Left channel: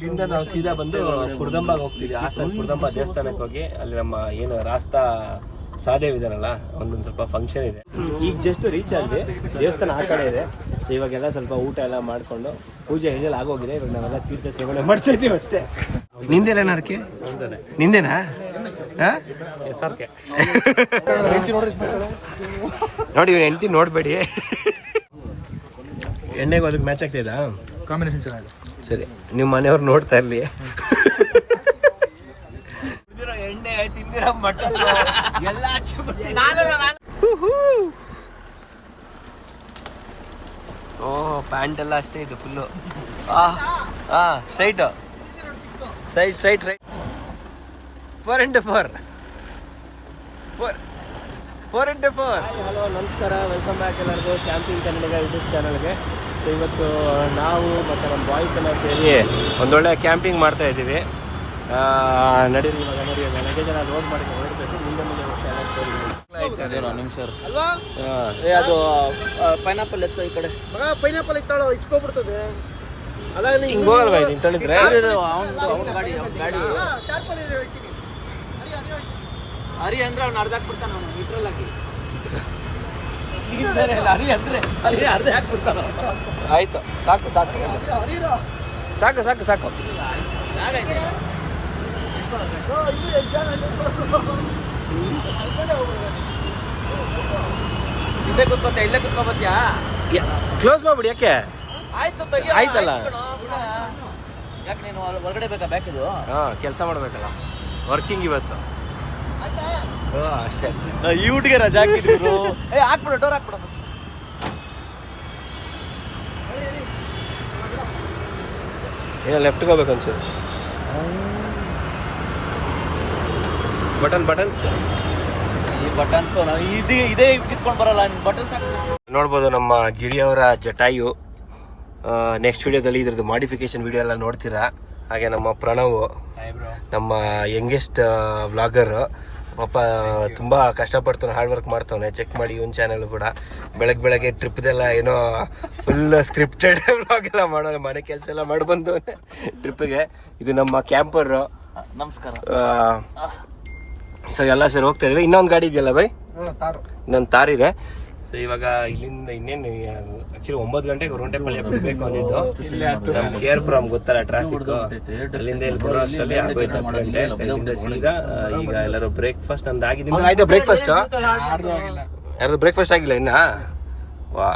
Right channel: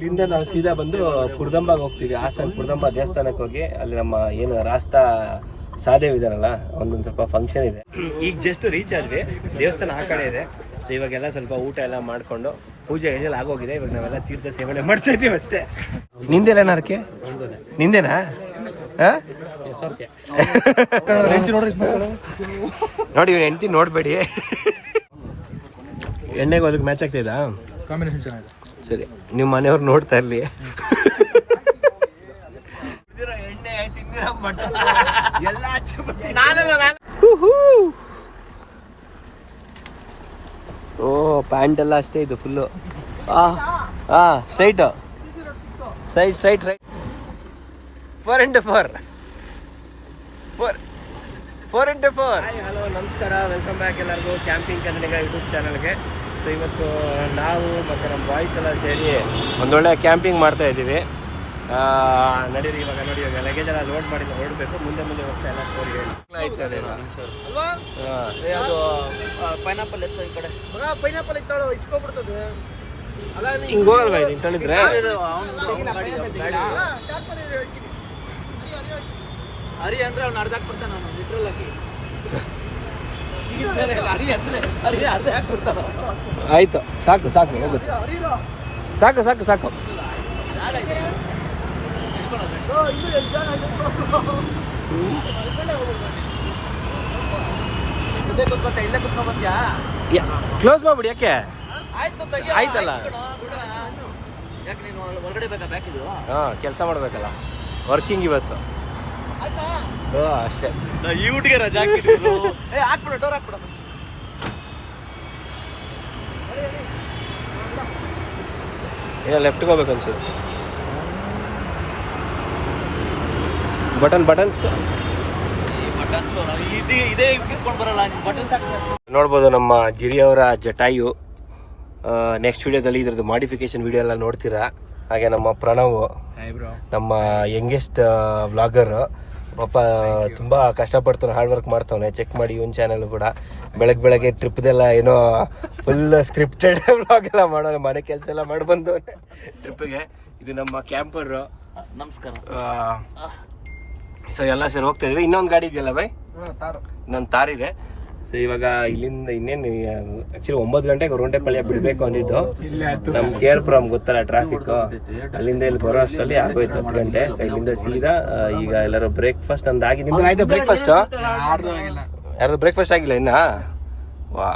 ಇಲ್ಲಿಂದ ನಾವು ಸೀದಾ ಬಂದು ಕುರ್ದಂಬಾಗ ಹೋಗ್ತೀವಿ. ಹಾಸನ ಕುರ್ದಂಬ ದೇವಸ್ಥಾನಕ್ಕೆ ಹೋಗಿ ಅಲ್ಲಿ ನಮ್ಮ ಏನು ರಾಸ್ತಾ ಸಾದೇವ್ ಇದಾರಲ್ಲ ಒಂದೊಂದು ಸ್ವಲ್ಪ ಫಂಕ್ಷನ್ ಇದೆ. ಈಗ ಜಸ್ಟ್ ರೀಚ್ ಆದ್ವಿ, ದೇವಸ್ಥಾನ ಆ ಕಡೆ ಇದೆ. ಸೊ ಇವಾಗೆಲ್ಲ ಸ್ವಲ್ಪ ಊಟ ಎಲ್ಲ ಮಾಡ್ಕೊಂಡು ಪೂಜೆ ಗೀಜೆಲ್ಲ ಆಗೋಗಿದೆ. ಇವಾಗ ನಾವೆಲ್ಲ ತೀರ್ಥ ಸೇವನೆ ಮಾಡ್ತಾ ಇದ್ದೀವಿ ಅಷ್ಟೇ. ನಿಂದೆಲ್ಲ ನಾರ್ಕೆ ನಿಂದೇನಾ? ನೋಡಿ ಇವ್ನ ಹೆಂಡತಿ ನೋಡ್ಬೇಡಿ. ಎಣ್ಣೆಗೆ ಅದಕ್ಕೆ ಮ್ಯಾಚ್ ಆಗ್ತಿದಾ? ಕಾಂಬಿನೇಷನ್ ಚೆನ್ನಾಗಿದೆ. ಸರಿ, ನಿಮ್ಮ ಮನೆಯವ್ರು ನೋಡ್ತಾ ಇರ್ಲಿ. ಓ ಪ್ಯಾಂಟ್ ಎಲ್ಲ ಅಷ್ಟೇ ಇದು full. Straight size straight right 4x4 4x4. Hello ನಮಸ್ಕಾರ, ವೆಲ್ಕಮ್ ಬ್ಯಾಕ್ ಎಲ್ಲರಿಗೂ ಕ್ಯಾಂಪಿಂಗ್ ಕನ್ನಡಿಗ ಯೂಟ್ಯೂಬ್ ಚಾನಲ್ಗೆ. ಸೊ ಇವತ್ತು ನಾವು ಮತ್ತು ನಮ್ಮ ಬಾಯ್ಸ್ ಎಲ್ಲ ಸೇರಿ ಒಂದೊಳ್ಳೆ ಕ್ಯಾಂಪಿಂಗ್ ಮಾಡ್ತಾ ಇದ್ದೀವಿ. ನಡೀರಿ ಇವಾಗ ನೋಡಿ, ಲಗೇಜ್ ಎಲ್ಲ ಲೋಡ್ ಮಾಡಿ ಹೊರಡಬೇಕು. ಮುಂದೆ ಹೋಗ್ತಾ ಎಲ್ಲ ಸ್ಟೋರಿ ಹೇಳಿ. ಅದು ಪೈನಾಪಲ್ ಎತ್ತ ಈ ಕಡೆ ಪೈನಾಪಲ್ ಇತ್ತಾಳೋ ಇಸ್ಕೊಬಿಡ್ತದೆ. ಹಿಂಗೆ ಹೋಗಲ್ವಾ ಇದು ಇಂತಳಿದ್ರೆ? ಹರಿ ಅಂದ್ರೆ ಅವ್ನು ಅರ್ಧ ಹಾಕ್ಬಿಡ್ತಾನೆ, ನಾನು ನ್ಯೂಟ್ರಲ್ ಆಗಿ ಅರ್ಧ ಹಾಕ್ಬಿಡ್ತಾನೆ. ಆಯ್ತು, ಸಾಕು ಸಾಕು ಸಾಕು ಸಾಕು ಸಾಕು. ಕ್ಲೋಸ್ ಮಾಡ್ಬಿಡಿ. ಯಾಕೆ? ಆಯ್ತಲ್ಲ, ಯಾಕೆ ನೀನು ಹೊರಗಡೆ ಬೇಕಾ ಬ್ಯಾಕ್ ಇದು? ಕೆಲಸ ಮಾಡ್ಬೇಕಲ್ಲ, ವರ್ಕಿಂಗ್ ಇವತ್ತು. ಅಷ್ಟೇ. ಈ ಊಟಿಗೆ ರಜಾ ಹಾಕ್ಬಿಡು, ಡೋರ್ ಹಾಕ್ಬಿಡು. ಏನೋ ಲೆಫ್ಟ್ಗೆ ಹೋಗ್ಬೇಕು ಅನ್ಸುತ್ತೆ. ಬಟನ್ಸ್ ಇದೇ ಕಿತ್ಕೊಂಡು ಬರಲ್ಲ, ಬಟನ್ಸ್ ಹಾಕ್ಬೇಕು. ನೋಡ್ಬೋದು ನಮ್ಮ ಗಿರಿ ಅವರ ಜಟಾಯು. ನೆಕ್ಸ್ಟ್ ವಿಡಿಯೋದಲ್ಲಿ ಇದ್ರದ್ದು ಮಾಡಿಫಿಕೇಶನ್ ವಿಡಿಯೋ ಎಲ್ಲ ನೋಡ್ತೀರಾ. ಹಾಗೆ ನಮ್ಮ ಪ್ರಣವ್, ನಮ್ಮ ಯಂಗೆಸ್ಟ್ ವ್ಲಾಗರ್, ಪಾಪ ತುಂಬ ಕಷ್ಟಪಡ್ತಾನೆ, ಹಾರ್ಡ್ ವರ್ಕ್ ಮಾಡ್ತಾವನೆ. ಚೆಕ್ ಮಾಡಿ ಇವನ್ ಚಾನಲ್ ಕೂಡ. ಬೆಳಗ್ಗೆ ಟ್ರಿಪ್ದೆಲ್ಲ ಏನೋ ಫುಲ್ ಸ್ಕ್ರಿಪ್ಟೆಡ್ ವ್ಲಾಗ್ ಎಲ್ಲ ಮಾಡೋಣ, ಮನೆ ಕೆಲಸ ಎಲ್ಲ ಮಾಡಿ ಬಂದವನೆ ಟ್ರಿಪ್ಪಿಗೆ. ಇದು ನಮ್ಮ ಕ್ಯಾಂಪರ್. ನಮಸ್ಕಾರ. ಸೊ ಎಲ್ಲ ಸರಿ ಹೋಗ್ತಾ ಇದ್ವಿ. ಇನ್ನೊಂದು ಗಾಡಿ ಇದೆಯಲ್ಲ ಬೈ? ಇನ್ನೊಂದು ತಾರ್ ಇದೆ. ಸೊ ಇವಾಗ ಇಲ್ಲಿಂದ ಇನ್ನೇನು ಆಕ್ಚುಲಿ 9 ಗಂಟೆಗೆ ಹೊರಗಂಟೆಪಳ್ಳಿ ಬಿಡಬೇಕು ಅಂದಿದ್ದು. ನಮ್ಮ ಕೇರ್ಪುರಂ ಗೊತ್ತಲ್ಲ ಟ್ರಾಫಿಕ್, ಅಲ್ಲಿಂದ ಇಲ್ಲಿ ಬರೋ ಅಷ್ಟರಲ್ಲಿ ಆಗೋಯ್ತು 10 ಗಂಟೆ. ಸೊ ಇಲ್ಲಿಂದ ಸೀದಾ ಈಗ ಎಲ್ಲರೂ ಬ್ರೇಕ್ಫಾಸ್ಟ್ ನಮ್ದು ಆಗಿ. ನಿಮ್ದು ಆಯ್ತಾ ಬ್ರೇಕ್ಫಾಸ್ಟ್? ಯಾರ್ದು ಬ್ರೇಕ್ಫಾಸ್ಟ್ ಆಗಿಲ್ಲ ಇನ್ನ? ವಾ,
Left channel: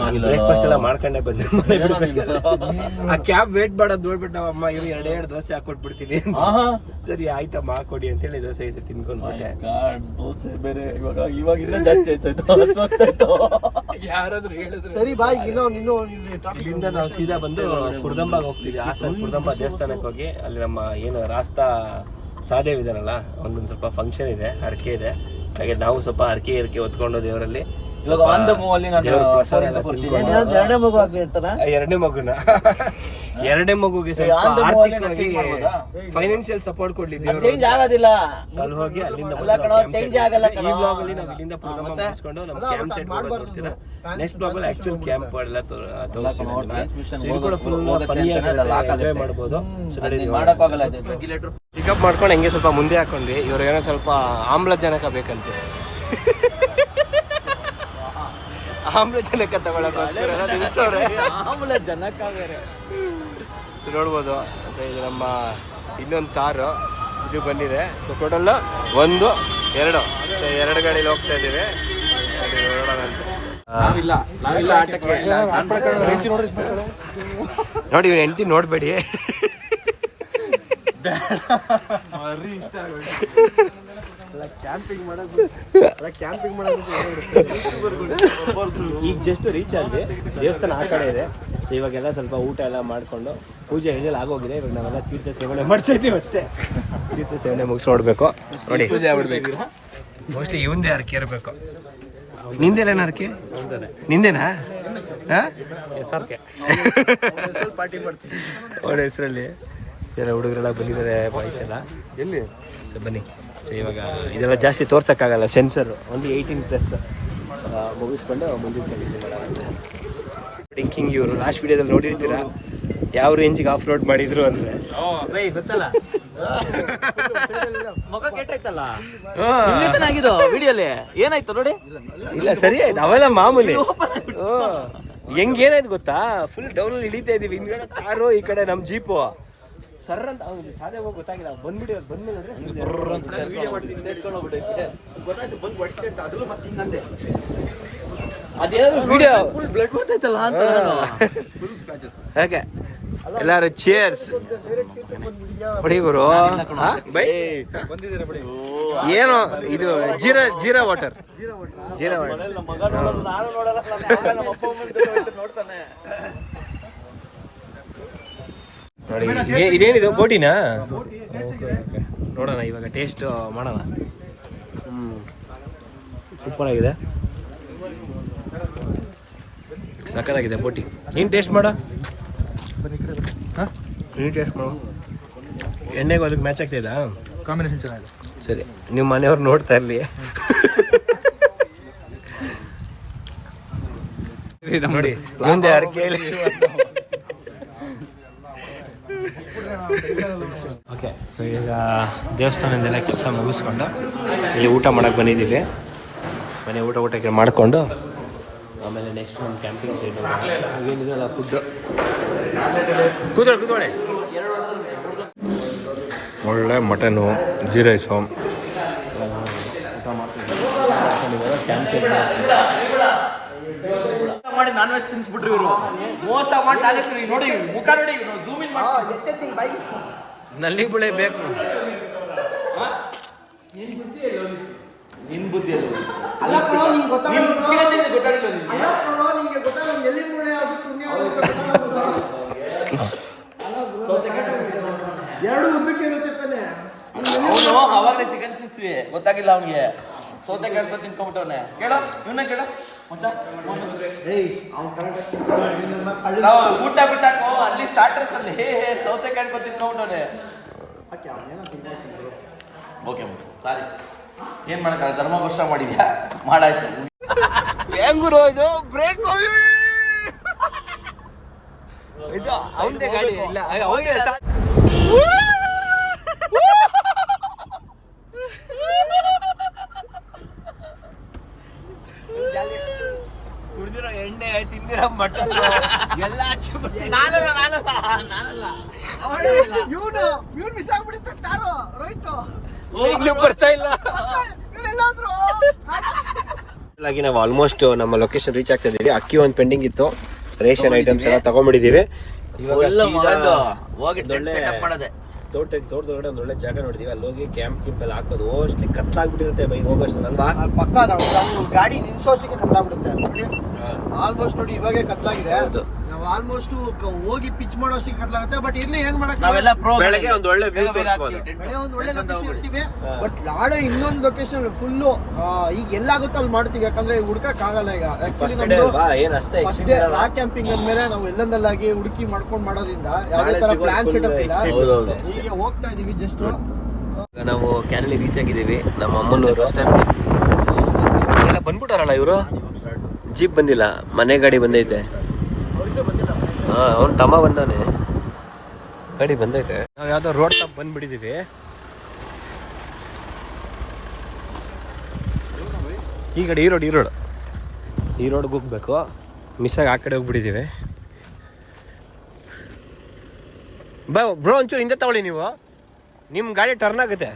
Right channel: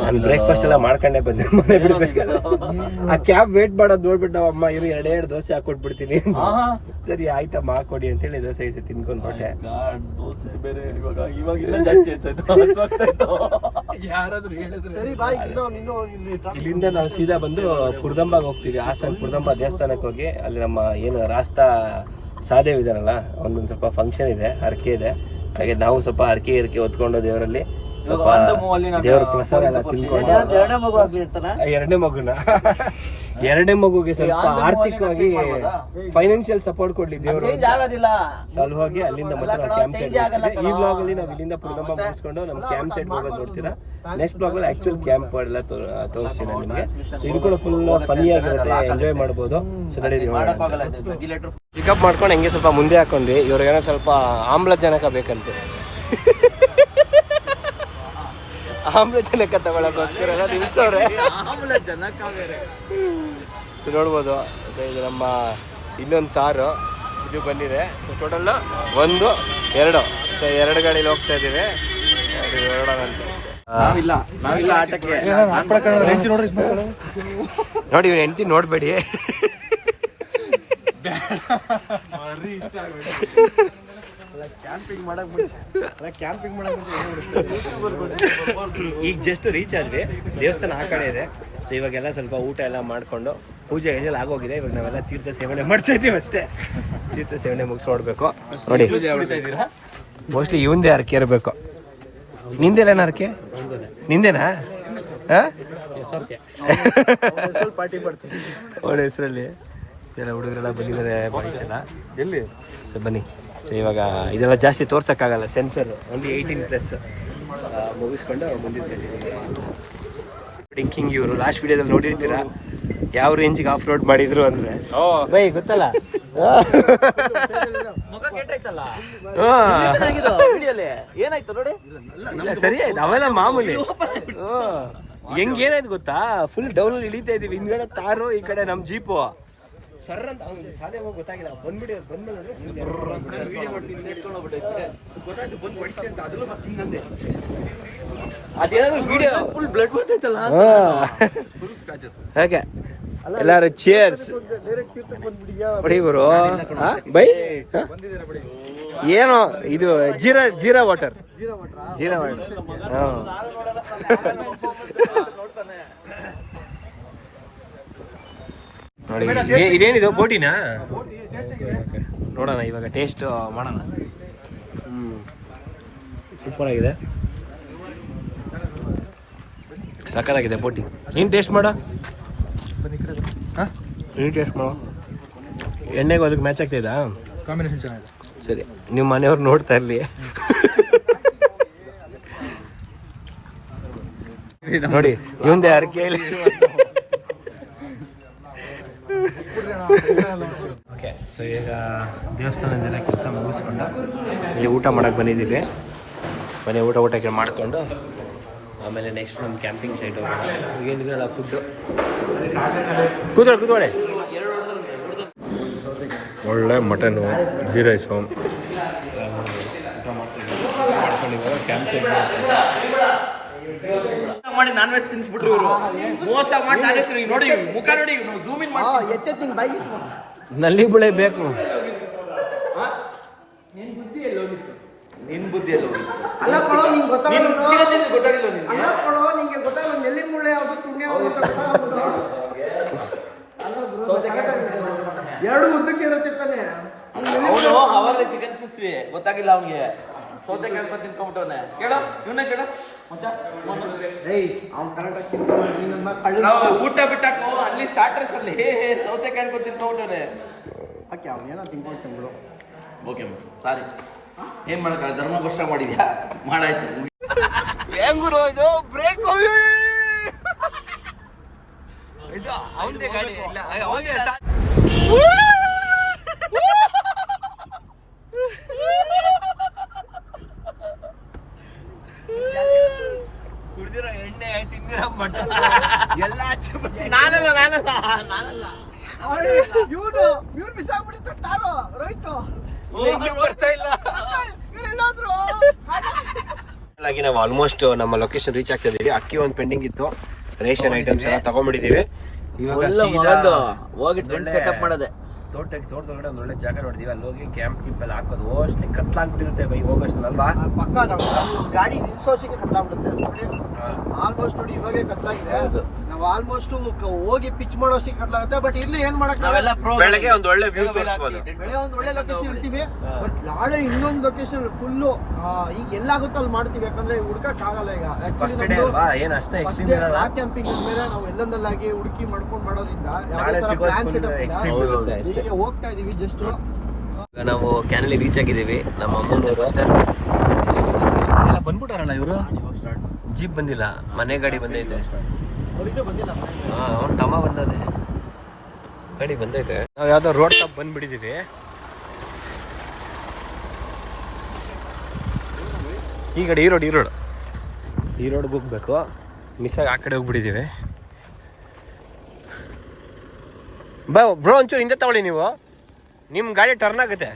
ನಾನು ಬ್ರೇಕ್ಫಾಸ್ಟ್ ಎಲ್ಲ ಮಾಡ್ಕೊಂಡೆ ಬಂದೆ, ಮನೆ ಬಿಡ್ಬೇಕು. ಆ ಕ್ಯಾಬ್ ವೇಟ್ ಮಾಡೋದು ನೋಡ್ಬಿಟ್ಟು ನಮ್ಮ ಅಮ್ಮ ಇವ್ರು 2 ದೋಸೆ ಹಾಕೊಟ್ಬಿಡ್ತೀನಿ. ಸರಿ ಆಯ್ತಮ್ಮ ಹಾಕೊಡಿ ಅಂತೇಳಿ ದೋಸೆ ಗೀಸೆ ತಿನ್ಕೊಂಡು ಹೊಟ್ಟೆ. ದೋಸೆ ಬೇರೆ ಇವಾಗ ಜಾಸ್ತಿ ಆಯ್ತು. ಯಾರಾದ್ರೂ ಹೇಳಿದ್ರೆ ಸರಿ ಬಾಯ್. ಇಲ್ಲಿಂದ ನಾವು ಸೀದಾ ಬಂದು ಕುರ್ದಂಬಾಗ ಹೋಗ್ತೀವಿ. ಹಾಸನ ಕುರ್ದಂಬ ದೇವಸ್ಥಾನಕ್ಕೆ ಹೋಗಿ ಅಲ್ಲಿ ನಮ್ಮ ಏನು ರಾಸ್ತಾ ಸಾದೇವ್ ಇದಾರಲ್ಲ ಒಂದೊಂದು ಸ್ವಲ್ಪ ಫಂಕ್ಷನ್ ಇದೆ, ಹರಕೆ ಇದೆ. ಹಾಗೆ ನಾವು ಸ್ವಲ್ಪ ಹರಕೆ ಹೊತ್ಕೊಂಡು ದೇವರಲ್ಲಿ ದೇವ್ರ ಪ್ರಸಾದ ಎಲ್ಲ ತಿನ್ಕೊಂಡು ಎರಡನೇ ಮಗುಗೆ ಸ್ವಲ್ಪ ಆರ್ಥಿಕವಾಗಿ ಫೈನಾನ್ಷಿಯಲ್ ಸಪೋರ್ಟ್ ಕೊಡ್ಲಿ ದೇವ್ರು. ಅಲ್ಲಿ ಹೋಗಿ ಅಲ್ಲಿಂದ ಈ ಬ್ಲಾಗ್ ಅಲ್ಲಿ ನಾವು ಇಲ್ಲಿಂದ ಕುರ್ದಂಬ ಮುಗಿಸ್ಕೊಂಡು ನಮ್ಮ ಕ್ಯಾಂಪ್ ಸೈಡ್ ಹೋಗೋದು ನೋಡ್ತೀರಾ. ನೆಕ್ಸ್ಟ್ ಬ್ಲಾಗ್ ಅಲ್ಲಿ ಆಕ್ಚುಲ್ ಕ್ಯಾಂಪ್ ಎಲ್ಲ ತೋರಿಸ್ತೀನಿ ನಿಮಗೆ. ಸೊ ಇದು ಕೂಡ ಫುಲ್ ಫನ್ನಿ ಆಗಿರುತ್ತೆ, ಎಂಜಾಯ್ ಮಾಡ್ಬೋದು. ಸೊ ಪಿಕಪ್ ಮಾಡ್ಕೊಂಡು ಹೆಂಗೆ ಸ್ವಲ್ಪ ಮುಂದೆ ಹಾಕೊಂಡ್ವಿ. ಇವ್ರಿಗೇನೋ ಸ್ವಲ್ಪ ಆಮ್ಲಜನಕ ಬೇಕಂತೆ, ಆಮ್ಲಜನಕ ತಗೊಳಕೋಸ್ಕರ ನಿಲ್ಸವ್ರೆ. ನೋಡ್ಬೋದು. ಸೊ ಇದು ನಮ್ಮ ಇನ್ನೊಂದು ತಾರು ಇದು ಬಂದಿದೆ. So total 1, 2. ಸೊ 2 ಗಾಡಿಲಿ ಹೋಗ್ತಾ ಇದ್ದೀವಿ, ಹೊರಡೋಣ ಅಂತ ಅಷ್ಟೇ. ನೋಡಿ ಇವ್ನ ಹೆಂಡತಿ ನೋಡ್ಬೇಡಿ. ಈಗ ಜಸ್ಟ್ ರೀಚ್ ಆದ್ವಿ, ದೇವಸ್ಥಾನ ಆ ಕಡೆ ಇದೆ. ಸೊ ಇವಾಗೆಲ್ಲ ಸ್ವಲ್ಪ ಊಟ ಎಲ್ಲ ಮಾಡ್ಕೊಂಡು ಪೂಜೆ ಗೀಜೆಲ್ಲ ಆಗೋಗಿದೆ. ಇವಾಗ ನಾವೆಲ್ಲ ತೀರ್ಥ ಸೇವನೆ ಮಾಡ್ತಾ ಇದ್ದೀವಿ ಅಷ್ಟೇ. ತೀರ್ಥ ಸೇವನೆ ಮುಗಿಸ್ ನೋಡ್ಬೇಕು. ನೋಡಿ ಮೋಸ್ಟ್ಲಿ ಇವಂದೇ ಹರಕೆ ಇರಬೇಕು. ನಿಂದೆಲ್ಲ ಹರಕೆ? ನಿಂದೇನಾ? ಒಳ್ಳೆ ಹೆಸರಲ್ಲಿ ಎಲ್ಲ ಹುಡುಗರೆಲ್ಲ ಬಂದಿದ್ದಾರೆ, ಬಾಯ್ಸ್ ಎಲ್ಲ. ಎಲ್ಲಿ ಸೊ ಬನ್ನಿ. ಸೊ ಇವಾಗ ಇದೆಲ್ಲ ಜಾಸ್ತಿ ತೋರ್ಸೋಕ್ಕಾಗಲ್ಲ, ಸೆನ್ಸರ್ ಒಂದು 18+ ಮುಗಿಸ್ಕೊಂಡು ಮುಂದಿನ ಕಂಟಿನ್ಯೂ ಮಾಡೋಣ. ಡ್ರಿಂಕಿಂಗ್ ಇವರು ಲಾಸ್ಟ್ ವಿಡಿಯೋದಲ್ಲಿ ನೋಡಿರ್ತೀರಾ. ಯಾವ ರೇಂಜಿಗೆ ಆಫ್ ರೋಡ್ ಮಾಡಿದ್ರು ಅಂದ್ರೆ ಬೈ ಗೊತ್ತಲ್ಲ. ಮಗ ಕೆಟ್ಟೈತಲ್ಲ ಹಾ. ವಿಡಿಯೋಲಿ ಏನಾಯ್ತು ನೋಡಿ. ಇಲ್ಲ ಸರಿ ಆಯ್ತು, ಅವೆಲ್ಲ ಮಾಮೂಲಿ. ಹೆಂಗ್ ಏನಾಯ್ತು ಗೊತ್ತಾ, ಫುಲ್ ಡೌನ್ ಅಲ್ಲಿ ಇಳಿತಾ ಇದೀವಿ, ಹಿಂದ್ಗಡೆ ಕಾರು, ಈ ಕಡೆ ನಮ್ ಜೀಪು ಸರ್ ಅಂತ ಅವ್ನಿಗೆ ಸಾಧ್ಯ ಹೋಗಿ ಗೊತ್ತಾಗಿಲ್ಲ. ಬಂದ್ಬಿಡಿ ಬಂದ್ಮೇಲೆ ಗೊತ್ತಾಯ್ತು ಬಂದು ಹೊಡಿತೆ ಅಂತ, ಅದ್ರಲ್ಲೂ ಮತ್ತೆ ಹಿಂಗಂದೆ ಅದೇನಾದ್ರು ವಿಡಿಯೋ ಬ್ಲಡ್ ಬರ್ತೈತಲ್ಲ ಹಾಗೆ. ಎಲ್ಲಾರು ಚೇರ್ಸ್ ಹೊಡಿ ಗುರು. ಬೈ ಏನು ಇದು ಜೀರಾ ವಾಟರ್. ನೋಡಿ ಇದೇನಿದು ಬೋಟಿನಾ? ನೋಡೋಣ ಇವಾಗ ಟೇಸ್ಟ್ ಮಾಡೋಣ. ಸೂಪರ್ ಆಗಿದೆ, ಸಕ್ಕತ್ತಾಗಿದೆ ಬೋಟಿ. ನೀನು ಟೇಸ್ಟ್ ಮಾಡೋ, ನೀನು ಟೇಸ್ಟ್ ಮಾಡೋ. ಎಣ್ಣೆಗೆ ಅದಕ್ಕೆ ಮ್ಯಾಚ್ ಆಗ್ತಿದಾ? ಕಾಂಬಿನೇಷನ್ ಚೆನ್ನಾಗಿದೆ. ಸರಿ, ನಿಮ್ಮ ಮನೆಯವ್ರು ನೋಡ್ತಾ ಇರಲಿ. ನೋಡಿ ಮುಂದೆ ಅರ್ಕೆಯಲ್ಲಿ. ಓಕೆ, ಸೊ ಈಗ ದೇವಸ್ಥಾನದೆಲ್ಲ ಕೆಲಸ ಮುಗಿಸ್ಕೊಂಡು ಇಲ್ಲಿ ಊಟ ಮಾಡಕ್ಕೆ ಬಂದಿದ್ದೀವಿ. ಮನೆ ಊಟಕ್ಕೆ ಮಾಡಿಕೊಂಡು ಆಮೇಲೆ ನೆಕ್ಸ್ಟ್ ನಮ್ಮ ಕ್ಯಾಂಪಿಂಗ್ ಸೈಡ್ ಏನಿದೆಲ್ಲ ಫುಡ್ಡು. ಕೂತ್ಕೊಳ್ಳಿ. ಒಳ್ಳೆ ಮಟನು, ಗೀ ರೈಸು ಊಟ ಮಾಡ್ಕೊಂಡು ಇವಾಗ ಕ್ಯಾಂಪ್ ಸೈಡ್ ಮಾಡಿ ನಾನ್ ವೆಜ್ ತಿನ್ಸ್ಬಿಟ್ರಿ ಇವರು. ಮೋಸ ಮಾಡಿ ನಾನೇ ನೋಡಿ ಮುಖ ನೋಡಿ ಝೂಮ್ ಇನ್ ಮಾಡ್ತೀನಿ. ನಲ್ಲಿ ಬಳೆ ಬೇಕು. ನಿನ್ ಬುದ್ಧಿ ಅಲ್ಲ ಕಣೋ, ನಿಂಗೆ ಗೊತ್ತಾಗಲ್ಲ ಗೊತ್ತಾಗಿಲ್ಲ ಅಲ್ಲ ಕಣೋ, ನಿಂಗೆ ಗೊತ್ತಾಗಲ್ಲ ಎಲ್ಲಿ ಮುಳ್ಳೆ ಆಗುತ್ತೆ ತುಂಗೆ ಎರಡು ಉದ್ದಕ್ಕೆ ಇರುತ್ತೆ ತಾನೆ. ಅವಾಗಲೇ ಚಿಕನ್ ಸಿಕ್ತೀವಿ, ಗೊತ್ತಾಗಿಲ್ಲ ಅವ್ನಿಗೆ. ಸೌತೆ ಕೇಳ್ಕೊ ತಿನ್ಕೊಂಡ್ಬಿಟ್ಟವನೆ. ಕೇಳೋ ಇವನೇ ಕೇಳೋ ನಾವು ಊಟ ಬಿಟ್ಟಾಕೋ ಅಲ್ಲಿ ಸ್ಟಾರ್ಟರ್ಸ್ ಅಲ್ಲಿ ಸೌತೆ ಕೇಳ್ಕೊ ತಿನ್ಕೊಂಡ್ಬಿಟ್ಟವನೆ. ಓಕೆ ಸಾರಿ, ಏನ್ ಮಾಡಕ್ಕ, ಧರ್ಮ ವರ್ಷ ಮಾಡಿದ್ಯಾ, ಮಾಡಾಯ್ತು. ಹೆಂಗುರು ಇದು ಬ್ರೇಕ್ ಇದು ಅವನದೇ ಗಾಡಿ ಇಲ್ಲ ಅವನಿಗೆ ಕುಡಿದಿರೋ ಎಣ್ಣೆ ತಿಂದಿರೋ ಮಟನ್ ಎಲ್ಲ ಇವನು ಮಿಸ್ ಆಗ್ಬಿಡುತ್ತೆ ತಾರೋ ರೈತು ಇನ್ನೂ ಬರ್ತಾ ಇಲ್ಲ. ನಾವು ಆಲ್ಮೋಸ್ಟ್ ನಮ್ಮ ಲೊಕೇಶನ್ ರೀಚ್ ಆಗ್ತಾ ಇದೀವಿ. ಅಕ್ಕಿ ಒಂದು ಪೆಂಡಿಂಗ್ ಇತ್ತು, ರೇಷನ್ ಐಟಮ್ಸ್ ಎಲ್ಲ ತಗೊಂಡ್ಬಿಟ್ಟಿದೀವಿ. ಹೋಗಿ ಸೆಟಪ್ ಮಾಡದೆ ತೋಟದೊಳಗಡೆ ಒಂದು ಒಳ್ಳೆ ಜಾಗ ನೋಡಿದೀವಿ, ಅಲ್ಲಿ ಹೋಗಿ ಕ್ಯಾಂಪ್ ಎಲ್ಲ ಹಾಕೋದು. ಅಷ್ಟೇ ಕತ್ಲಾಗ್ಬಿಟ್ಟಿರುತ್ತೆ ಬೈ ಹೋಗೋಷ್ಟಲ್ವಾ? ಪಕ್ಕ ನಾವು ಗಾಡಿ ನಿಲ್ಸೋಸಿಗೆ ಕತ್ಲಾಗ್ಬಿಡುತ್ತೆ. ಆಲ್ಮೋಸ್ಟ್ ನೋಡಿ ಇವಾಗೆ ಕತ್ಲಾಗಿದೆ. ನಾವು ಆಲ್ಮೋಸ್ಟ್ ಹೋಗಿ ಪಿಚ್ ಮಾಡೋಸಿಗೆ ಕತ್ಲಾಗುತ್ತೆ. ಬಟ್ ಇಲ್ಲಿ ಏನ್ ಮಾಡಕ್ ಬೆಳಗ್ಗೆ ಒಂದು ಒಳ್ಳೆ ವ್ಯೂ ತೋರಿಸ್ಬೋದು. ಬೆಳೆ ಒಂದು ಒಳ್ಳೆ ಲೊಕೇಶನ್ ಇರ್ತೀವಿ. ಬಟ್ ನಾಳೆ ಇನ್ನೊಂದು ಲೊಕೇಶನ್ ಫುಲ್ಲು ಈಗ ಎಲ್ಲಾಗುತ್ತೆ ಅಲ್ಲಿ ಮಾಡ್ತೀವಿ. ಯಾಕಂದ್ರೆ ಹುಡ್ಕಕ್ ಆಗಲ್ಲ ಈಗ. ರಾಕ್ ಕ್ಯಾಂಪಿಂಗ್ ಅಂದ್ಮೇಲೆ ನಾವು ಎಲ್ಲಂದಲ್ಲಾಗಿ ಹುಡುಕಿ ಮಾಡ್ಕೊಂಡು ಮಾಡೋದ್ರಿಂದ ಯಾವುದೇ ತರ ಪ್ಲಾನ್ ಸೆಟಪ್ ಇಲ್ಲ. ಹೋಗ್ತಾ ಇದೀವಿ ಜಸ್ಟ್. ನಾವು ಕ್ಯಾನಲ್ಲಿ ರೀಚ್ ಆಗಿದ್ದೀವಿ. ನಮ್ಮ ಅಮ್ಮನವರು ಬಂದ್ಬಿಟ್ಟಾರಲ್ಲ ಇವರು. ಜೀಪ್ ಬಂದಿಲ್ಲ, ಮನೆ ಗಾಡಿ ಬಂದೈತೆ. ಹಾ, ಅವ್ನು ತಮ್ಮ ಬಂದವನೆ, ಗಾಡಿ ಬಂದೈತೆ. ನಾವು ಯಾವ್ದೋ ರೋಡ್ ಟಾಪ್ ಬಂದ್ಬಿಟ್ಟಿದ್ದೀವಿ. ಈ ಕಡೆ ಈ ರೋಡ್ಗೆ ಹೋಗ್ಬೇಕು. ಮಿಸ್ಸಾಗಿ ಆ ಕಡೆ ಹೋಗ್ಬಿಟ್ಟಿದ್ದೀವಿ. ಬ್ರೋ ಒಂಚೂರು ಹಿಂದೆ ತಗೊಳ್ಳಿ ನೀವು, ನಿಮ್ಮ ಗಾಡಿ ಟರ್ನ್ ಆಗುತ್ತೆ.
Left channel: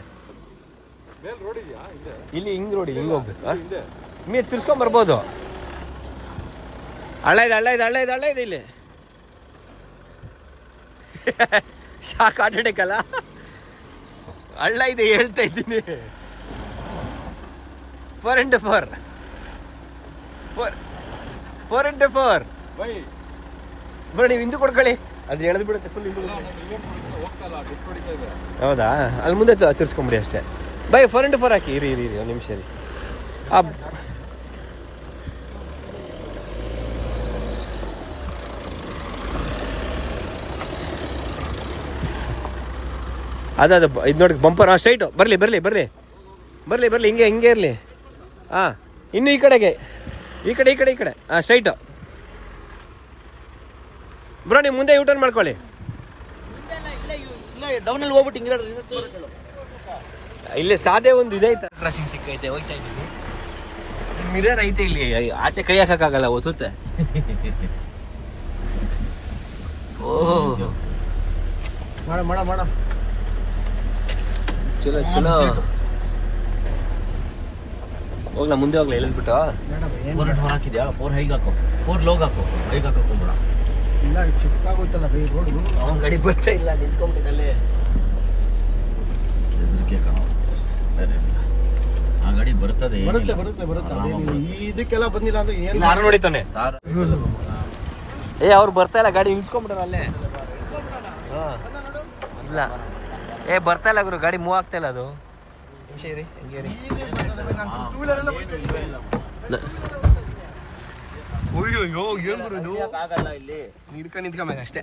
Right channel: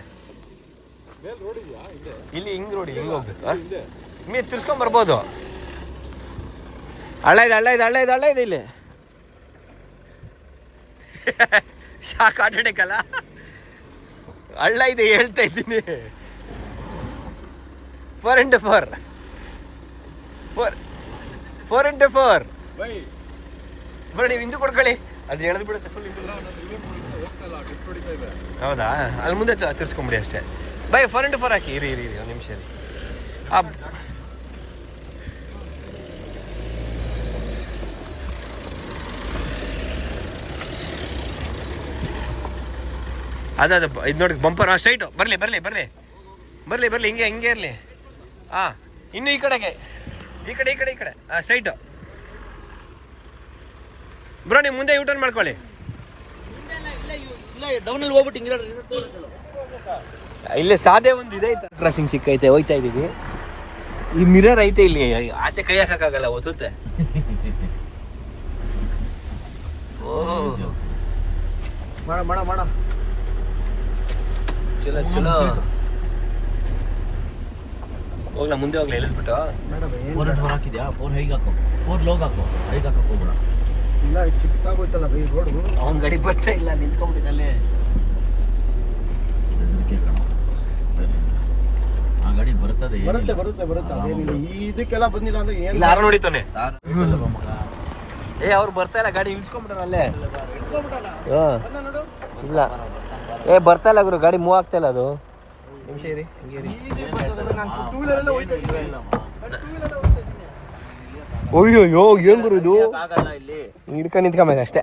ಇಲ್ಲಿ ಹಿಂಗ್ ಹೋಗ್ಬೇಕು. ನೀವು ತಿರ್ಸ್ಕೊಂಡ್ ಬರ್ಬೋದು. ಹಳ್ಳ ಇದೆ ಇಲ್ಲಿ. ಶಾಕ್ ಆಟಾಡಕ್ಕಲ್ಲ, ಹಳ್ಳ ಇದೆ ಹೇಳ್ತಾ ಇದ್ದೀನಿ. 4x4 ಬರೋ, ನೀವು ಹಿಂದೂ ಕೊಡ್ಕೊಳ್ಳಿ, ಅದು ಎಳೆದು ಬಿಡುತ್ತೆ ಫುಲ್. ಹೌದಾ? ಅಲ್ಲಿ ಮುಂದೆ ತಿರ್ಸ್ಕೊಂಬಿಡಿ ಅಷ್ಟೇ. ಬೈ 4x4 ಹಾಕಿ. ಇರಿ ಒಂದು ನಿಮಿಷ. ಅದು ಇದು ನೋಡಿ ಬಂಪರ್. ಸ್ಟ್ರೈಟು ಬರಲಿ ಹಿಂಗೆ ಇರಲಿ. ಹಾಂ, ಇನ್ನು ಈ ಕಡೆ. ಹಾಂ, ಸ್ಟ್ರೈಟು. ಬ್ರೋ ನೀವು ಮುಂದೆ ಯೂಟರ್ನ್ ಮಾಡ್ಕೊಳ್ಳಿ. ಇಲ್ಲ ಡೌನಲ್ಲಿ ಹೋಗ್ಬಿಟ್ಟು ಹಿಂಗೆ ಇಲ್ಲೇ ಸಾದೆ ಒಂದು ಇದೆ ಕ್ರಾಸಿಂಗ್ ಸಿಕ್ಕೈತೆ, ಹೋಯ್ತಾ ಇದೀವಿ. ಈ ಮಿರರ್ ಐತೆ ಇಲ್ಲಿ, ಆಚೆ ಕೈ ಹಾಕಕ್ಕಾಗಲ್ಲ, ಒಸುತ್ತೆ. ಮಾಡ ಚಲೋ ಚಲೋ. ಹೋಗ್ಲಾ ಮುಂದೆ ಹೋಗ್ಲಾ, ಎಲ್ಲಿದ್ಬಿಟ್ಟು 4 ಹಾಕಿದ್ಯಾ? 4 ಹೈಗೆ ಹಾಕೋ, 4 ಲೋಗ್ ಹಾಕೋ, ಹೈಗೆ ಹಾಕಕ್ ಹೋಗ್ಬೇಡ. ಇಲ್ಲ ಚಿಕ್ಕಾಗೋಯ್ತಲ್ಲ ಬೈ ರೋಡು. ಅವ್ನ ಗಾಡಿ ಬರ್ತಾ ಇಲ್ಲ, ನಿಂತ್ಕೊಂಡ್ಬಿಟ್ಟಿದ್ದಲ್ಲೇ. ಆ ಗಾಡಿ ಬರ್ತದೆ, ಬರುತ್ತೆ ಅದೇನಿಲ್ಲ. ಇದಕ್ಕೆಲ್ಲ ಬಂದಿಲ್ಲ ಅಂದ್ರೆ ಏನು ಯಾರು ನೋಡಿತಾನೆ. ಅವ್ರು ಬರ್ತಾ ಇಲ್ಲ, ಗಾಡಿ ನಿಲ್ಸ್ಕೊಂಡ್ಬಿಟ್ರ ಅಲ್ಲೇ. ಇಲ್ಲ ಬರ್ತಾ ಇಲ್ಲ ಗುರು, ಗಾಡಿ ಮೂವ್ ಆಗ್ತಾ ಇಲ್ಲ. ಅದು ನಿಮಿಷ ಇರಿ, ಹಂಗೆ ಇರಿ. ಅಯ್ಯೋ ಏನ್ ಗುರು ಇದು, ಆಗಲ್ಲ ಇಲ್ಲಿ ಹಿಡ್ಕೊಂಡು ನಿಂತ್ಕೊಂಬೇಕು ಅಷ್ಟೇ.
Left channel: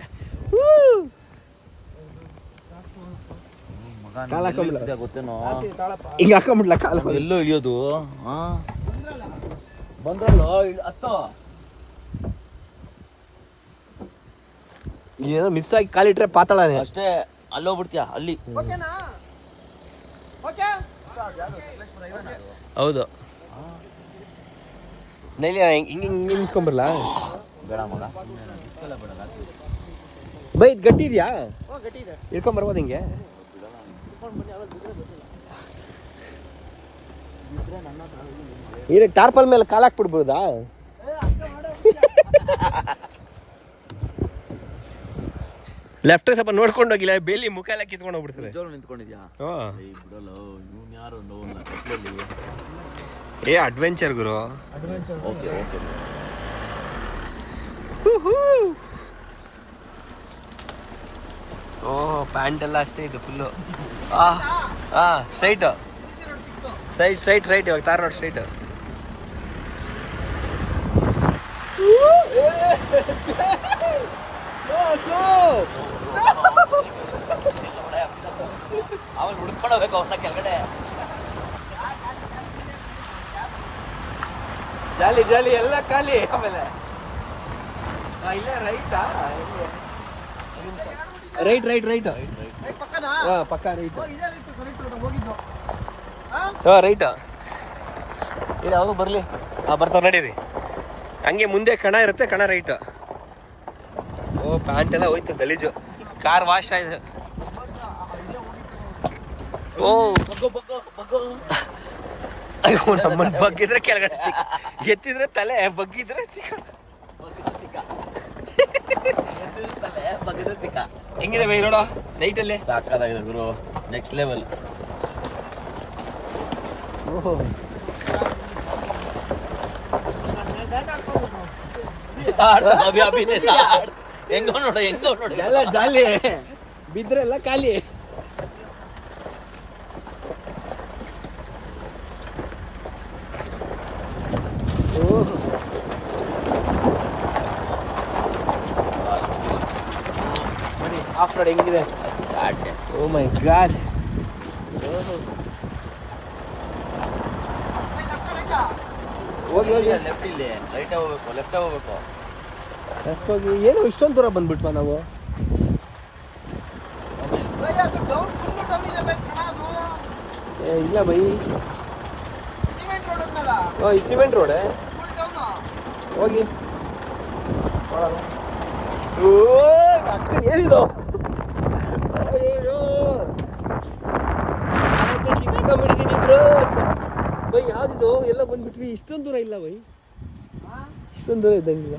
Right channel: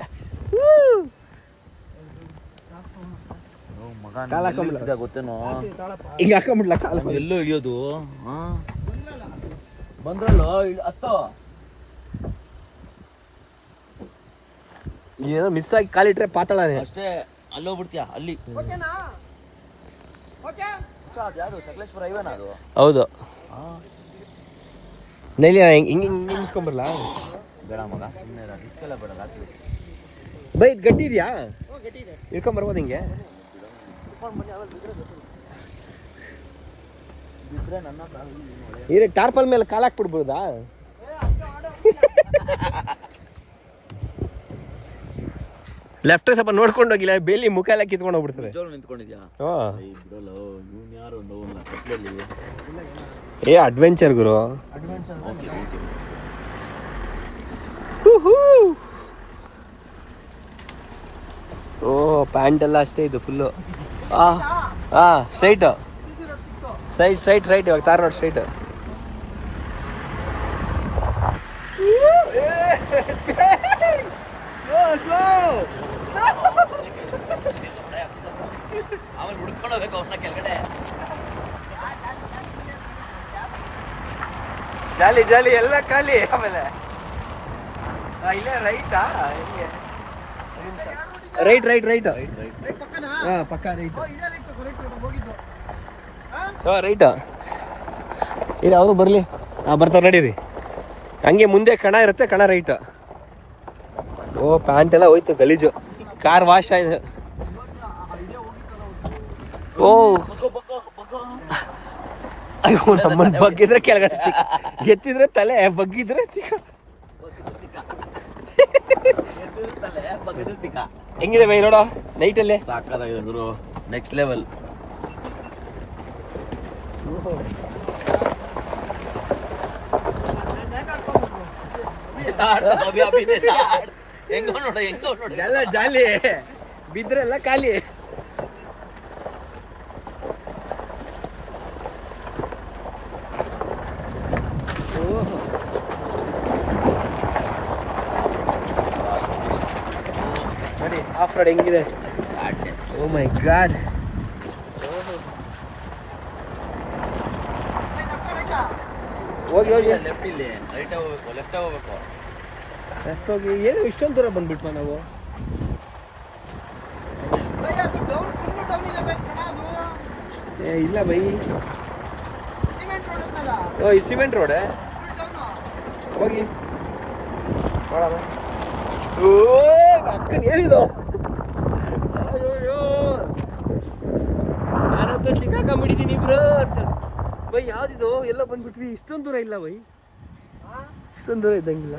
ಗೊತ್ತೇನೋ, ಈಗ ಹಾಕೊಂಬಿಡ್ಲ ಕಾಲ. ಎಲ್ಲೋ ಇಳಿಯೋದು. ಬಂದ್ರಲ್ಲೋ ಹತ್ತೋ. ಏನೋ ಮಿಸ್ ಆಗಿ ಕಾಲಿಟ್ರೆ ಪಾತಾಳನೆ ಅಷ್ಟೇ, ಅಲ್ಲೋಗ್ಬಿಡ್ತೀಯ ಅಲ್ಲಿ. ಸಕಲೇಶ್ಪುರ ಹೈವೇನ ಅದು? ಹೌದು. ನೈಲಿ ಹಿಂಗೆ ನಿಂತ್ಕೊಂಬರ್ಲಾ? ಬೇಡ ಮಗ, ಸುಮ್ಮನೆ ರಿಸ್ಕೆಲ್ಲ ಬೇಡ. ಬೈ ಇದು ಗಟ್ಟಿ ಇದೆಯಾ? ಇಳ್ಕೊಂಬರ್ಬೋದು ಹಿಂಗೆ? ಈಗ ಟಾರ್ಪಲ್ ಮೇಲೆ ಕಾಲು ಹಾಕ್ಬಿಡ್ಬೋದಾ? ಲೆಫ್ಟ್ ಸ್ವಲ್ಪ ನೋಡ್ಕೊಂಡು ಹೋಗಿಲ್ಲ, ಬೇಲಿ ಮುಖ ಎಲ್ಲ ಕಿತ್ಕೊಂಡು ಹೋಗ್ಬಿಡ್ತಾರೆ. ನಿಂತ್ಕೊಂಡಿದ್ಯಾ? ಬಿಡಲ್ಲ, ಇವ್ನು ಯಾರು ಅಡ್ವೆಂಚರ್ ಗುರು. ಓಕೆ ಪ್ಯಾಂಟ್ ಎಲ್ಲ ಅಷ್ಟೇ ಇದು ಫುಲ್ಲು. ಸ್ಟ್ರೈಟ್ ಇವಾಗ ತಾರ್ ರೋಡ್ ಸ್ಟ್ರೈಟ್. ಅವನು ಹುಡ್ಕೊಂಡು ಹೋಗ್ಬೇಕು ಅವ್ರನ್ನ ಕೆಳಗಡೆ. ಜಾಲಿ ಎಲ್ಲ ಖಾಲಿ. ಆಮೇಲೆ ಇಲ್ಲ ರೈಟಾ? ರೈಟ್ ಪಕ್ಕ ರೈಟ್. ರೈಟ್ ಇಲ್ಲ, ಅವರು ಬರಲಿ. ಬರ್ತಾರೆ ನಡೀರಿ. ಹಂಗೆ ಮುಂದೆ ಕಣ ಇರುತ್ತೆ, ಕಣ ರೈಟ್. ಪ್ಯಾಂಟ್ ಎಲ್ಲ ಹೋಯ್ತು ಗಲೀಜು, ಕಾರ್ ವಾಶ್ ಆಗಿದೆ. ಅಯ್ಯೋ ನಮ್ಮನ್ನು ಬಗ್ಗಿದ್ರೆ ಕೆಳಗಡೆ, ಎತ್ತಿದ್ರೆ ತಲೆ, ಬಗ್ಗಿದ್ರೆ ಹೆಂಗಿದೆ ಬೈ ನೋಡೋ ನೈಟಲ್ಲೇ? ಸಾಕಾಗಿದೆ ಗುರು, ನೆಕ್ಸ್ಟ್ ಲೆವೆಲ್. ಹೆಂಗೋ ನೋಡ ಎಲ್ಲ ಜಾಲಿ, ಬಿದ್ರೆಲ್ಲ ಖಾಲಿ. ನೋಡಿ ಆಫ್ ರೋಡ್ ಹೆಂಗಿದೆ. ಓ ಮೈ ಗಾಡ್. ಹೋಗಿ ಲೆಫ್ಟ್ ಇಲ್ಲಿ, ರೈಟ್ ಹೋಗ್ಬೇಕು, ಲೆಫ್ಟ್ ಹೋಗ್ಬೇಕು. ಲೆಫ್ಟ್ ಹೋಗಿ. ಏನು ಇಷ್ಟೊಂದು ದೂರ ಬಂದ್ಬಿಟ್ಟ ನಾವು? ಇಲ್ಲ ಬೈ, ಈ ಸಿಮೆಂಟ್ ರೋಡೇ ಹೋಗಿ. ಅಕ್ಕನ ಏನಿದು? ಸಿಕ್ಕಾಕೊಂಡ್ಬಿಟ್ಟಿದ್ದೀನಿ ಬ್ರೋ. ಬೈ ಯಾವ್ದಿದು? ಎಲ್ಲ ಬಂದ್ಬಿಟ್ವಿ. ಇಷ್ಟೊಂದು ದೂರ ಇಲ್ಲ ಬೈ, ಇಷ್ಟೊಂದು ದೂರ ಇದ್ದಂಗಿಲ್ಲ.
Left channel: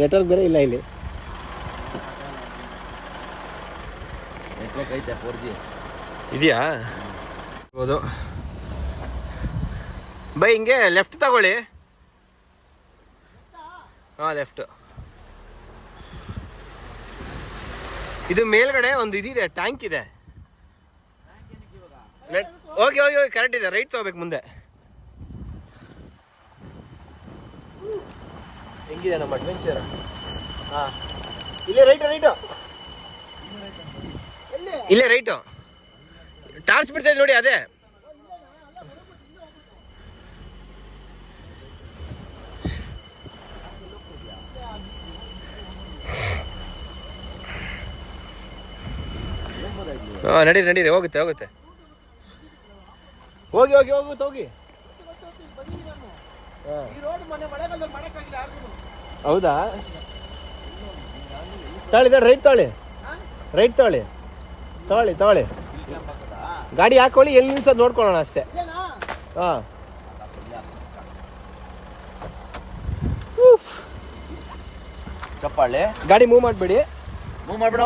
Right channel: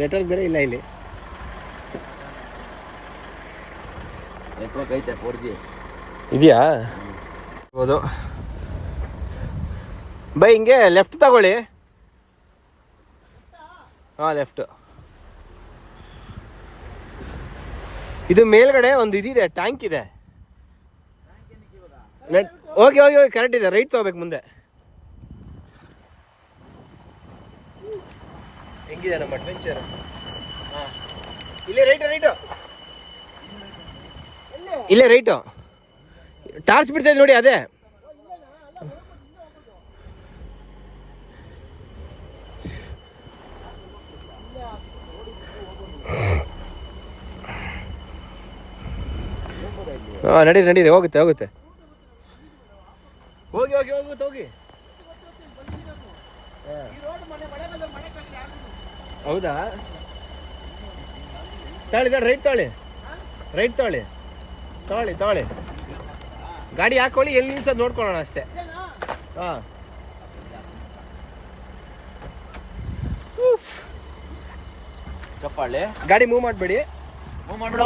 ನೆಟ್ವರ್ಕ್ ಬೇರೆ ಇಲ್ಲ ಇಲ್ಲಿ. ನೆಟ್ವರ್ಕ್ ಐತೆ 4G ಇದೆಯಾ? ಹೌದು ಬೈ, ಹಿಂಗೆ ಲೆಫ್ಟ್ ತಗೊಳ್ಳಿ. ಲೆಫ್ಟ್. ಇದು ಮೇಲ್ಗಡೆ ಒಂದು ಇದಿದೆ, ಟ್ಯಾಂಕ್ ಇದೆ. ಹೋಗಿ ಕರೆಕ್ಟ್ ಇದೆ. ರೈಟ್ ತಗೋಬೇಕು ಮುಂದೆ. ಹೆಂಗಿದೆ ನಮ್ಮ ಅಡ್ವೆಂಚರ್? ಇಲ್ಲೇ ರೈಟು ಇಲ್ಲೇ ರೈಟು. ಟಾರ್ಚ್ ಬಿಡ್ತಾ ಇದೆ ನೋಡಿ, ಅದೇ. ಹಾಂ ನಡೀರಿ ಹೋಗುತ್ತೆ ಹೋಗಿ ಹೋಗಿ ಹೌದಾ ರೈಟ್ ತೊಗೊಳ್ಳಿ ಗಾಡಿ ಹಾಕೊಳ್ಳಿ ಎಲ್ಲಿ ನಿಲ್ಸೋದು ನೋಡ್ಕೊಳ್ಳೋಣ ಅಷ್ಟೇ. ಹಾಂ ಚಪ್ಪಾಳೆ ಗಾಡಿ ಮೂವ್ ಮಾಡಬೇಡಿ. ಮೂವ್ ಮಾಡ್ಬಿಡು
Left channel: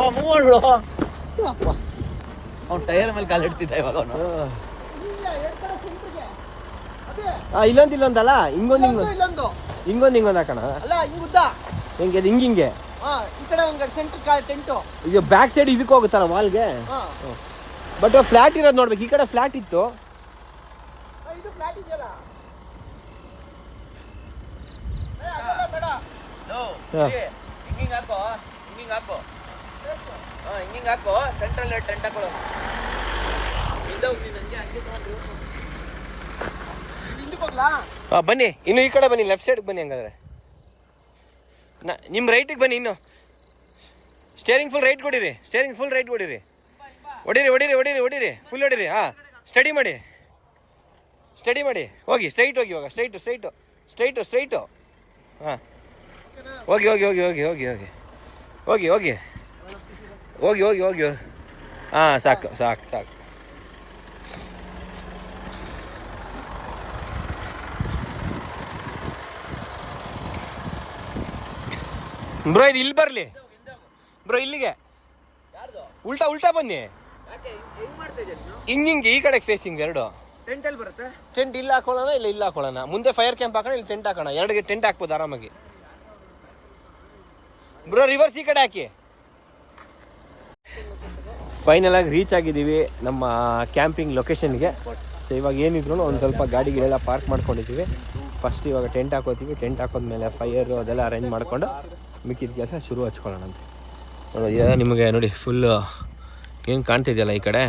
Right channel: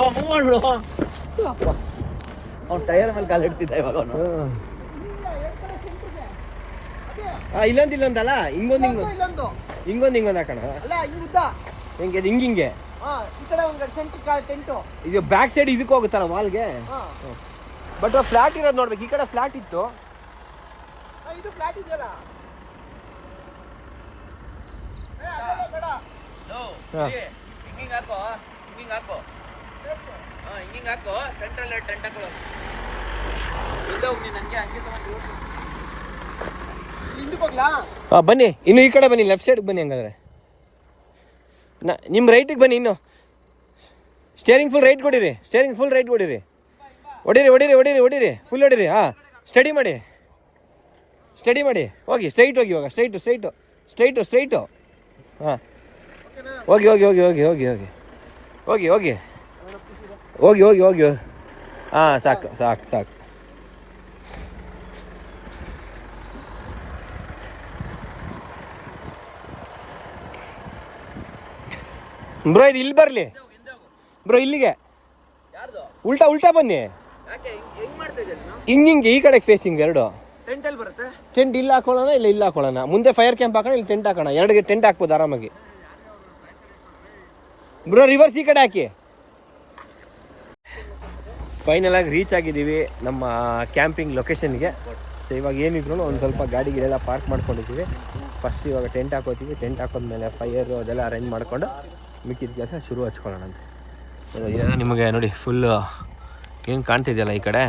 ಅವ್ನು ಟೈರ್ ಮೇಲೆ ಕಾಲು ಇಡ್ತಿದ್ದ ಇವಾಗ ಅವನು. ಇಲ್ಲೊಂದಲ್ಲ ಹಿಂಗೊಂದು ಹಾಕೋಣ. ಅಲ್ಲ ಹಿಂಗುದ್ದ ಹೆಂಗೆ ಅದು ಹಿಂಗೆ ಈ ಕಡೆ ಒಂದು ಸೆಂಟ್ರ್ ಟೆಂಟು ಈಗ ಬ್ಯಾಕ್ ಸೈಡ್ ಇದಕ್ಕೆ ಹೋಗುತ್ತಲ್ಲ ವಾಲ್ಗೆ. ಬಟ್ ಫ್ಲಾಟ್ ಇರೋದು ನೋಡ್ಬೇಕು. ಈ ಕಡೆ ಫ್ಲಾಟ್ ಇತ್ತು. ಇದು ಫ್ಲಾಟ್ ಇದೆಯಲ್ಲ ಹಿಂಗೆ ಹಾಕೋ ಸೆಂಟ್ರಲ್ ಟೆಂಟ್ ಹಾಕೊಳ್ಳೋ. ಹಿಂದೆ ಹೋಗಿ ನಂಗೆ ಹಂಗೆ ತಗೊಂಡು ಹಿಂದಕ್ಕೆ ಹೋಗ್ಲಾ? ಬನ್ನಿ ಇನ್ನು ಈ ಕಡೆ ಬನ್ನಿ, ಲೆಫ್ಟ್ ಸೈಡ್ಗೆ ಬನ್ನಿ. ಹಂಗಾದ್ರೆ ನಿಮ್ಮ ರೈಟಿಗೆ ಬನ್ನಿ. ಇನ್ನು ಸ್ಟೇರಿಂಗ್ ಫುಲ್ ರೈಟ್ ಕೊಡಿರಿ. ಹೊಡೀರಿ ಫುಲ್ ಹೊಡೀರಿ. ಹಾಂ ಸ್ಟಡಿ ಮಾಡಿ ಹೋಗಿ ಸ್ಟ್ರೈಟ್ ಹೋಗಿ. ಇವಾಗ ಸ್ಟ್ರೈಟು. ಹಾಂ ಹೋಗಿ ಹಾಂ ಸಾಕು. ಬ್ರೋ ಇದು ಇಲ್ಲಿ ಬರಲಿ ಬ್ರೋ, ಇಲ್ಲಿಗೆ ಉಲ್ಟಾ ಬನ್ನಿ. ಹಿಂಗೆ ಈ ಕಡೆ ಫೇಸಿಂಗ್ ಎರಡು ಟೆಂಟಲ್ಲಿ ಬರುತ್ತೆ. ಟೆಂಟ್ ಇಲ್ಲಿ ಹಾಕೊಳ್ಳೋಣ, ಇಲ್ಲ ಹಾಕೊಳ್ಳೋಣ. ಮುಂದೆ ಫೈರ್ ಕ್ಯಾಂಪ್ ಹಾಕೋಣ, ಇಲ್ಲಿ ಟೆಂಟ್ ಹಾಕೋಣ. ಎರಡು ಟೆಂಟ್ ಹಾಕ್ಬೋದು ಆರಾಮಾಗಿ. ಬ್ರೋ ರಿವರ್ಸ್ ಈ ಕಡೆ ಹಾಕಿ. ಫೈನಲ್ ಆಗಿ ರೀಚ್ ಆಗಿದ್ದೀವಿ ನಮ್ಮ ಕ್ಯಾಂಪಿಂಗ್ ಲೊಕೇಶನ್ಗೆ. ಸೊ ಇವಾಗ ಏನಿದ್ರು ಒಂದು ಸ್ವಲ್ಪ ಗಾಡಿಗಳೆಲ್ಲ ಪಾರ್ಕ್ ಮಾಡ್ಕೊಂಡಿದ್ದೀವಿ. ಫಸ್ಟ್ ಇವಾಗ ಟೆಂಟ್ ಹಾಕೋತೀವಿ. ಟೆಂಟ್ ಹಾಕೋದ್ಮೇಲೆ ಫೈರು ಅದೆಲ್ಲ ಅರೇಂಜ್ ಮಾಡಿಕೊಂಡು ಮಿಕ್ಕಿದ ಕೆಲಸ ಶುರು ಹಚ್ಕೊಳ್ಳೋಣ ಅಂತ ನೋಡಿ. ನಿಮಗೆ ನೋಡಿ ಫುಲ್ಲು ಏನು ಕಾಣ್ತಿದೆಯಲ್ಲ ಈ ಕಡೆ,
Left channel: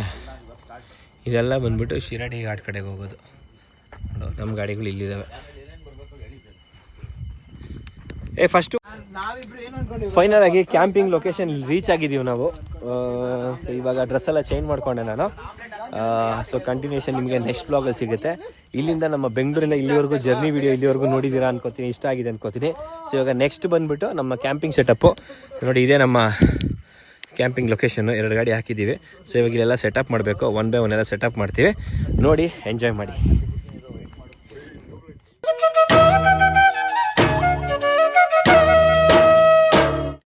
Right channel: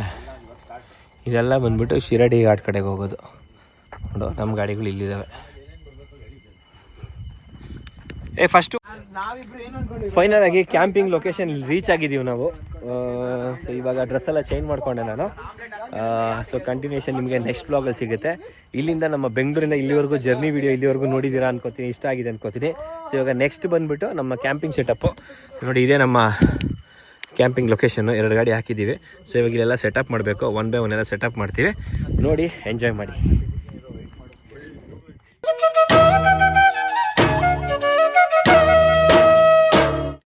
ಇದೆಲ್ಲ ಬಂದ್ಬಿಟ್ಟು ಶಿರಡಿ ಘಾಟ್ ಕಡೆಗೆ ಹೋಗೋದು. ನೋಡು ನಮ್ಮ ಗಾಡಿಗಳು ಇಲ್ಲಿದ್ದಾವೆ. ಫಸ್ಟು ಫೈನಲ್ ಆಗಿ ಕ್ಯಾಂಪಿಂಗ್ ಲೊಕೇಶನ್ ರೀಚ್ ಆಗಿದ್ದೀವಿ ನಾವು. ಸೊ ಇವಾಗ ಡ್ರೆಸ್ ಎಲ್ಲ ಚೇಂಜ್ ಮಾಡಿಕೊಂಡೆ ನಾನು. ಸೊ ಕಂಟಿನ್ಯೂಷನ್ ನಿಮಗೆ ನೆಕ್ಸ್ಟ್ ಬ್ಲಾಗಲ್ಲಿ ಸಿಗುತ್ತೆ. ಇಲ್ಲಿಂದ ನಮ್ಮ ಬೆಂಗಳೂರಿಂದ ಇಲ್ಲಿವರೆಗೂ ಜರ್ನಿ ವಿಡಿಯೋ ಇಲ್ಲಿವರೆಗೂ ನೋಡಿದ್ದೀರಾ ಅನ್ಕೋತೀನಿ, ಇಷ್ಟ ಆಗಿದೆ ಅನ್ಕೋತೀನಿ. ಸೊ ಇವಾಗ ನೆಕ್ಸ್ಟ್ ಬಂದುಬಿಟ್ಟು ನಮ್ಮ ಕ್ಯಾಂಪಿಂಗ್ ಸೆಟಪ್ಪು ನೋಡಿ. ಇದೇ ನಮ್ಮ ಕ್ಯಾಂಪಿಂಗ್ ಲೊಕೇಶನ್ನು. 2 ಗಾಡಿ ಹಾಕಿದ್ದೀವಿ. ಸೊ ಇವಾಗ ಇಲ್ಲೆಲ್ಲ ಸೆಟಪ್ ಮಾಡಬೇಕು. 1 by 1 ಎಲ್ಲ ಸೆಟಪ್ ಮಾಡ್ತೀವಿ. ನೋಡಿ ಎಂಜಾಯ್ ಮಾಡಿ.